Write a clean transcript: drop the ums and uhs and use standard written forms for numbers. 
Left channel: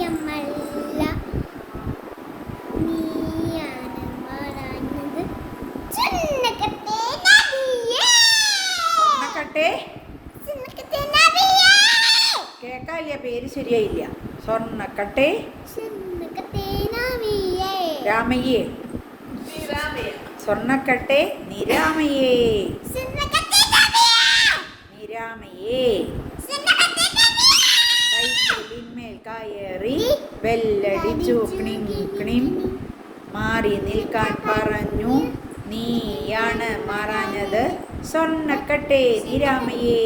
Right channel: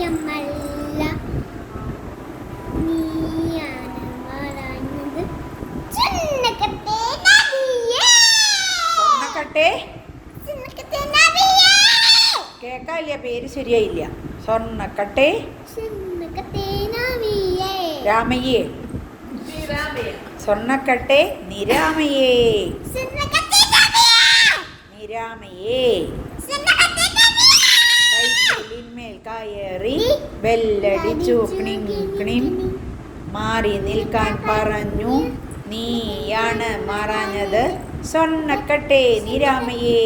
സത്യമല്ല, നീയാണ് പറഞ്ഞത്. സ്വർണ്ണക്കട്ടെ നദിയേ, സ്വർണ്ണക്കട്ടെ സ്വർണ്ണക്കട്ടെ നദിയേ. കേക്കാല്ല, പേര് ശരിയായില്ല. സ്വർണ്ണക്കട്ടെ സ്വർണ്ണക്കട്ടെ നദിയേ, രാമയ്യേ. സ്വർണ്ണക്കട്ടെ നിരാമയേ, സ്വർണ്ണക്കട്ടെ നദിയേ, നിരാമയേ. സ്വർണ്ണക്കട്ടെ നദിയേ. കൈക്കുലിന്മേൽ കയറി ബെല്ലടിച്ചു ക്ണിം ക്ണിം, മാറി നിൽക്കാൻ പറഞ്ഞു, നീയാണ് മറഞ്ഞത്. സ്വർണ്ണക്കട്ടെ നിരാമയേ.